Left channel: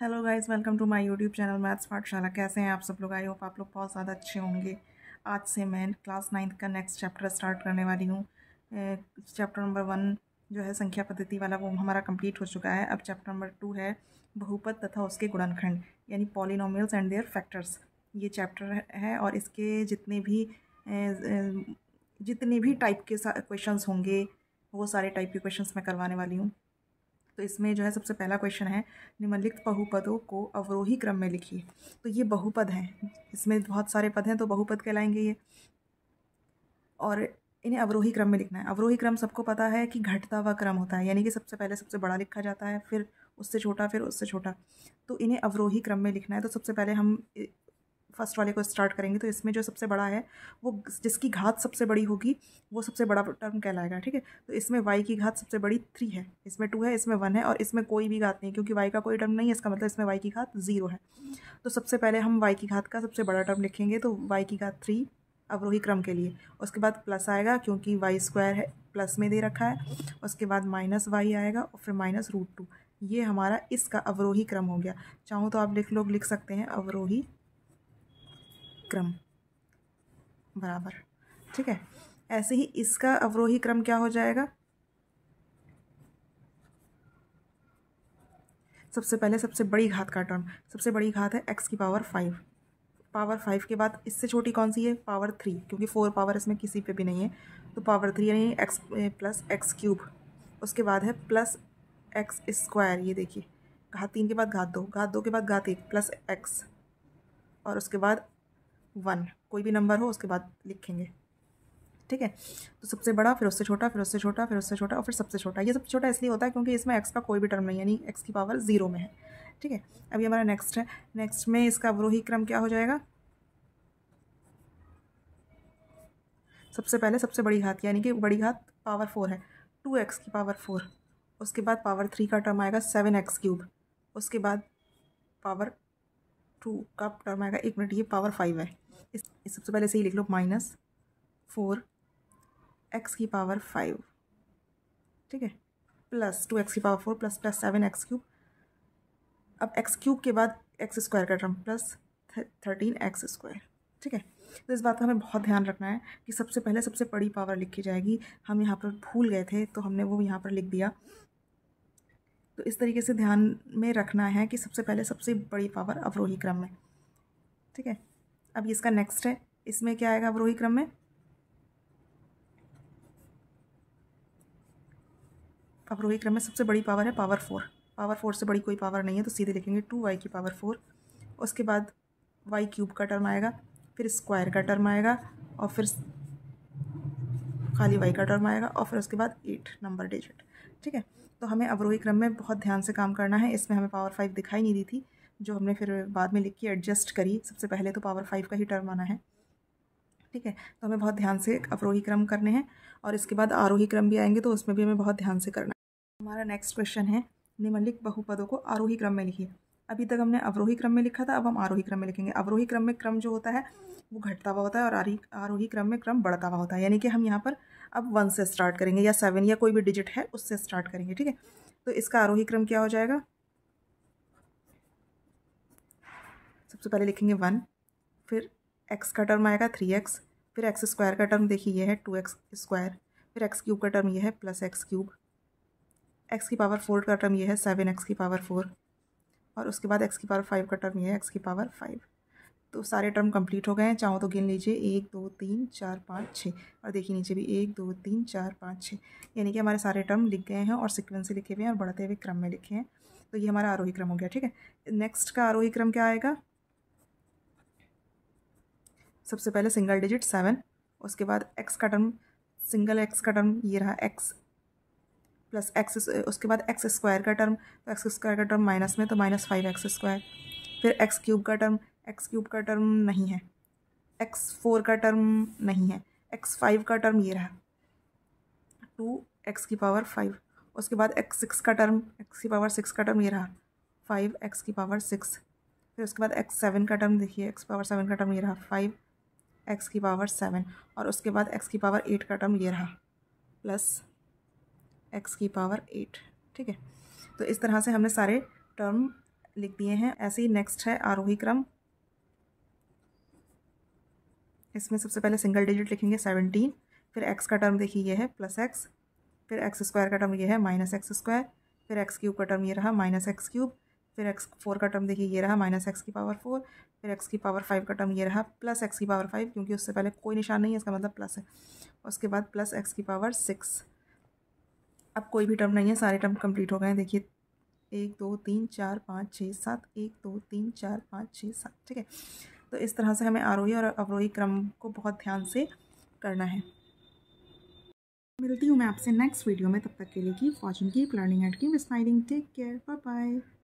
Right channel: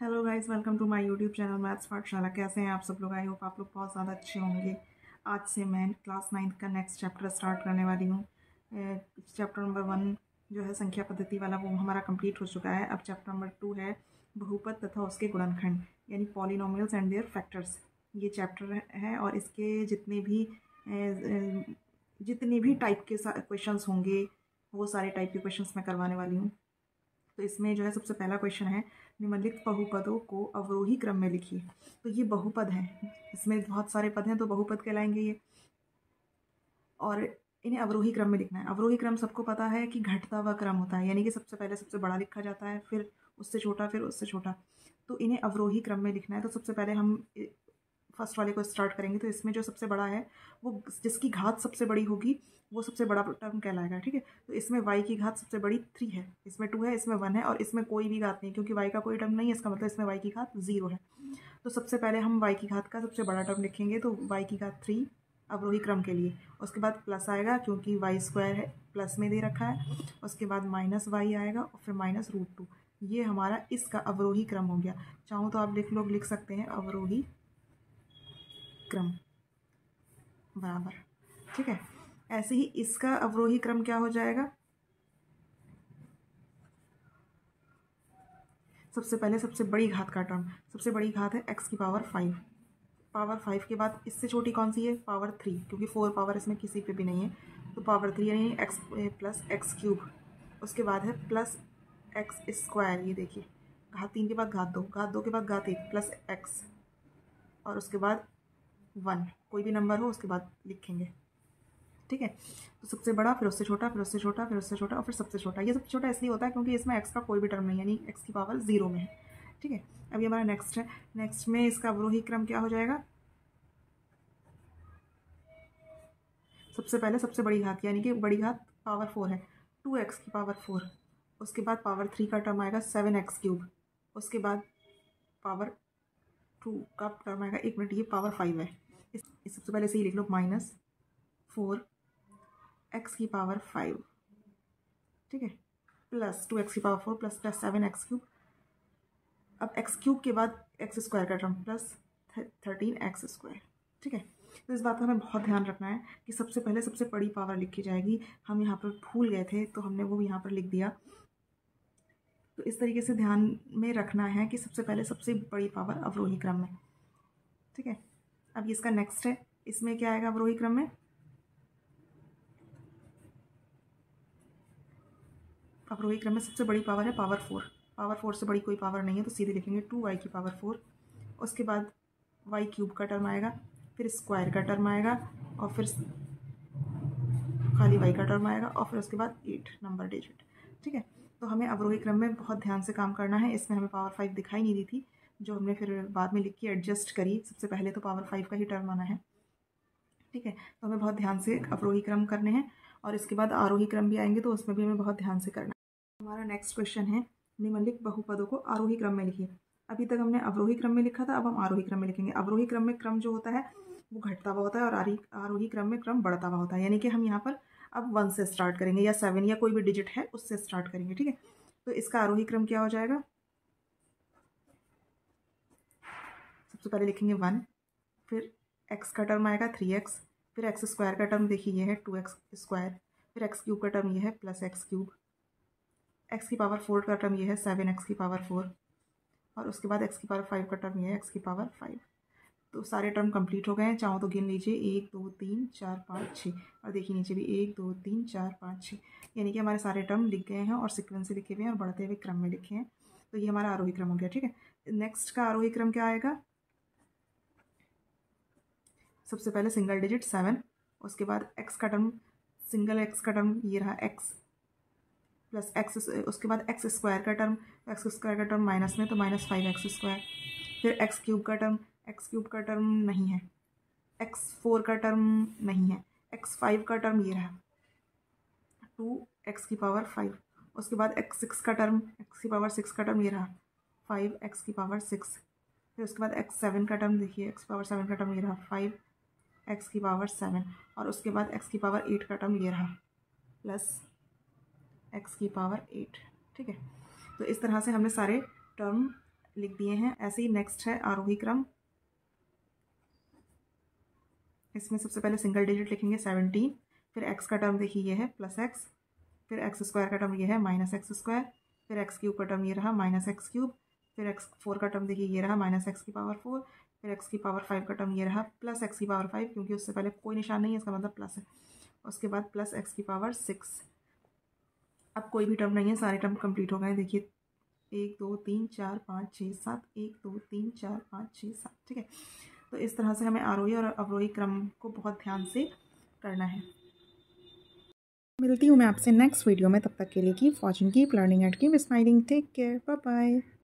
Hello guys, welcome to my YouTube channel maths Pathshala. कैसे हैं आप सब लोग? आई होप आप लोग बहुत ज़्यादा अच्छे होंगे। आज से मैं क्लास 9th का नेक्स्ट चैप्टर स्टार्ट करने वाली हूँ। चैप्टर नंबर 1 जो है संख्या पद्धति वाला, वो हमारा कंप्लीट हो चुका है। अब चैप्टर नंबर 2 है बहुपद तथा उसके गुणनखंड, यानी पॉलिनोमियल्स एंड देयर फैक्टर्स। ये चैप्टर है और इसके जितने भी टाइप के क्वेश्चंस होंगे वो सारे टाइप के क्वेश्चंस मैं करवाने वाली हूँ। तो इसमें जो है सबसे पहला क्वेश्चन है, निम्नलिखित बहुपदों को अवरोही क्रम में लिखिए। तो ये बहुपद हैं, इसमें बहुत सारे पद हैं तो बहुपद कहलाएंगे ये, और इन्हें अवरोही क्रम में लिखना है। अवरोही क्रम सबको पता है कि घटता हुआ क्रम होता है, यानी कि सबसे पहले सबसे बड़ा लिखा जाता है, फिर उससे छोटा, फिर उससे छोटा। तो इन्हें अवरोही क्रम में लिखना है। तो सबसे पहले हम फर्स्ट वाले को स्टार्ट करेंगे। तो इसमें जो सबसे बड़ा है, वो जिसकी घात सबसे बड़ी होगी वो सबसे बड़ा टर्म कहलाएगा। ठीक है, तो इसमें y की घात सबसे बड़ी 3 है, इसमें 2 है, इसमें 1 है, और इसमें कोई भी घात नहीं, क्योंकि y का कोई टर्म नहीं है। इसका मतलब इसमें y की घात 0 है। तो सबसे पहले हम y की घात का सबसे बड़ा टर्म लिखेंगे। तो y की घात 3 अवरोही क्रम के लिए। उसके बाद प्लस आएगा, क्योंकि y² है, प्लस में दे रखा है। उसके बाद माइनस y आएगा, और फिर -√2। ये हमारा इसका अवरोही क्रम हो गया। चाहो तो आप लिख सकते हैं अवरोही क्रम बराबर। ठीक है, ऐसे ही इसका अवरोही क्रम क्या हो जाएगा? सबसे पहले सबसे बड़ी घात का टर्म, सबसे बड़ी घात है x की पावर 5। पावर 5 के बाद इससे छोटी कौन सी है? पावर 3, क्योंकि 4 पावर इसमें किसी पे भी नहीं है। तो पावर 3 यानी x प्लस x³। उसके बाद है प्लस x²। ये देखिए, घात 3 के बाद घात 2, घात 2 के बाद घात 1 प्लस x, और उसके बाद 1। कोई भी नंबर हो उसके बाद लिखेंगे। ठीक है, तो सबसे बड़ा, फिर उससे छोटा, फिर उससे छोटा, फिर उससे छोटा, और फिर सबसे छोटा। ये सबसे छोटा इसलिए होता है क्योंकि इसमें x का कोई भी टर्म नहीं है, यानी x की पावर 0 में है। ठीक है, अब ये हमारा नेक्स्ट है। नेक्स्ट में इसका अवरोही क्रम क्या हो जाएगा? सबसे पहले सबसे बड़ी घात, यानी कि बड़ी घात पावर 4 है, 2x की पावर 4। उसके बाद पावर 3 का टर्म आएगा 7x³। उसके बाद पावर 2 का टर्म आएगा, 1 मिनट, ये पावर 5 है। इस सबसे पहले से ही लिख लो, -4 x की पावर 5। ठीक है, प्लस 2x की पावर 4 प्लस 7x³। अब x³ के बाद x² का टर्म प्लस 13x²। ठीक है, तो इस बात का हमें बहुत ध्यान रखना है कि सबसे पहले सबसे बड़ी पावर लिखी जाएगी। हम यहाँ पर भूल गए थे तो हमने वो यहाँ पर लिख दिया। तो इस तरीके से ध्यान में रखना है कि सबसे पहले सबसे बड़ी पावर अवरोही क्रम में। ठीक है, अब इसका नेक्स्ट है, इसमें क्या आएगा अवरोही क्रम में? अवरोही क्रम में सबसे बड़ी पावर है पावर 4। पावर 4 से बड़ी कोई पावर नहीं है, तो सीधे लिखेंगे 2y की पावर 4। उसके बाद y³ का टर्म आएगा, फिर स्क्वायर का टर्म आएगा, और फिर खाली y का टर्म आएगा, और फिर उसके बाद 8 नंबर डिजिट। ठीक है, तो हमें अवरोही क्रम में बहुत ध्यान से काम करना है। इसमें हमें पावर 5 दिखाई नहीं दी थी, जो हमने फिर बाद में लिख के एडजस्ट करी। सबसे पहले तो पावर 5 का ही टर्म आना है। ठीक है, तो हमें बहुत ध्यान से अवरोही क्रम करने हैं, और इसके बाद आरोही क्रम भी आएंगे, तो उसमें भी हमें बहुत ध्यान से करना है। हमारा नेक्स्ट क्वेश्चन है, निम्नलिखित बहुपदों को आरोही क्रम में लिखिए। अभी तक हमने अवरोही क्रम में लिखा था, अब हम आरोही क्रम में लिखेंगे। अवरोही क्रम में क्रम जो होता है वो घटता हुआ होता है, और आरोही क्रम में क्रम बढ़ता हुआ होता है। यानी कि हम यहाँ पर अब 1 से स्टार्ट करेंगे, या 7 या कोई भी डिजिट है उससे स्टार्ट करेंगे। ठीक है, तो इसका आरोही क्रम क्या हो जाएगा? सबसे पहले लिखेंगे 1, फिर x का टर्म आएगा 3x, फिर x² का टर्म देखिए ये है 2x², फिर x³ का टर्म ये है प्लस x³, x की पावर 4 का टर्म ये है 7x की पावर 4, और उसके बाद x की पावर 5 का टर्म ये है x की पावर 5। तो सारे टर्म कंप्लीट हो गए हैं। चाहो तो गिन लीजिए, 1 2 3 4 5 6, और देखिए नीचे भी 1 2 3 4 5 6, यानी कि हमारे सारे टर्म लिख गए हैं, और सीक्वेंस से लिखे हुए हैं, और बढ़ते हुए क्रम में लिखे हैं। तो ये हमारा आरोही क्रम हो गया। ठीक है, नेक्स्ट का आरोही क्रम क्या आएगा? सबसे पहले सिंगल डिजिट 7, उसके बाद x का टर्म, सिंगल x का टर्म ये रहा x प्लस x, उसके बाद x² का टर्म, तो x² का टर्म माइनस में, तो -5x²। फिर x³ का टर्म, x³ का टर्म नहीं है, x4 का टर्म नहीं है, x5 का टर्म ये रहा 2x की पावर 5। उसके बाद x6 का टर्म, x की पावर 6 का टर्म ये रहा 5x की पावर 6। फिर उसके बाद x7 का टर्म देखिए, x पावर 7 का टर्म ये रहा 5x की पावर 7, और उसके बाद x की पावर 8 का टर्म ये रहा प्लस x की पावर 8। ठीक है, तो इस तरह से हमने सारे टर्म लिख दिए हैं। ऐसे ही नेक्स्ट है आरोही क्रम। इसमें सबसे पहले सिंगल डिजिट लिखेंगे 17, फिर x का टर्म देखिए ये है +x, फिर x² का टर्म ये है -x², फिर x³ का टर्म ये रहा -x³, फिर x4 का टर्म देखिए ये रहा -x⁴, फिर x⁵ का टर्म ये रहा +x⁵, क्योंकि उससे पहले कोई निशान नहीं है, इसका मतलब प्लस है। उसके बाद +x�6। अब कोई भी टर्म नहीं है, सारे टर्म कंप्लीट हो गए हैं। देखिए 1 2 3 4 5 6 7, 1 2 3 4 5 6 7, ठीक है। तो इस तरह से हमें आरोही और अवरोही क्रम को बहुत ध्यान से करना है। मिलती हूँ मैं आपसे नेक्स्ट वीडियो में, तब तक के लिए keep watching, keep learning and keep smiling. Take care, bye bye.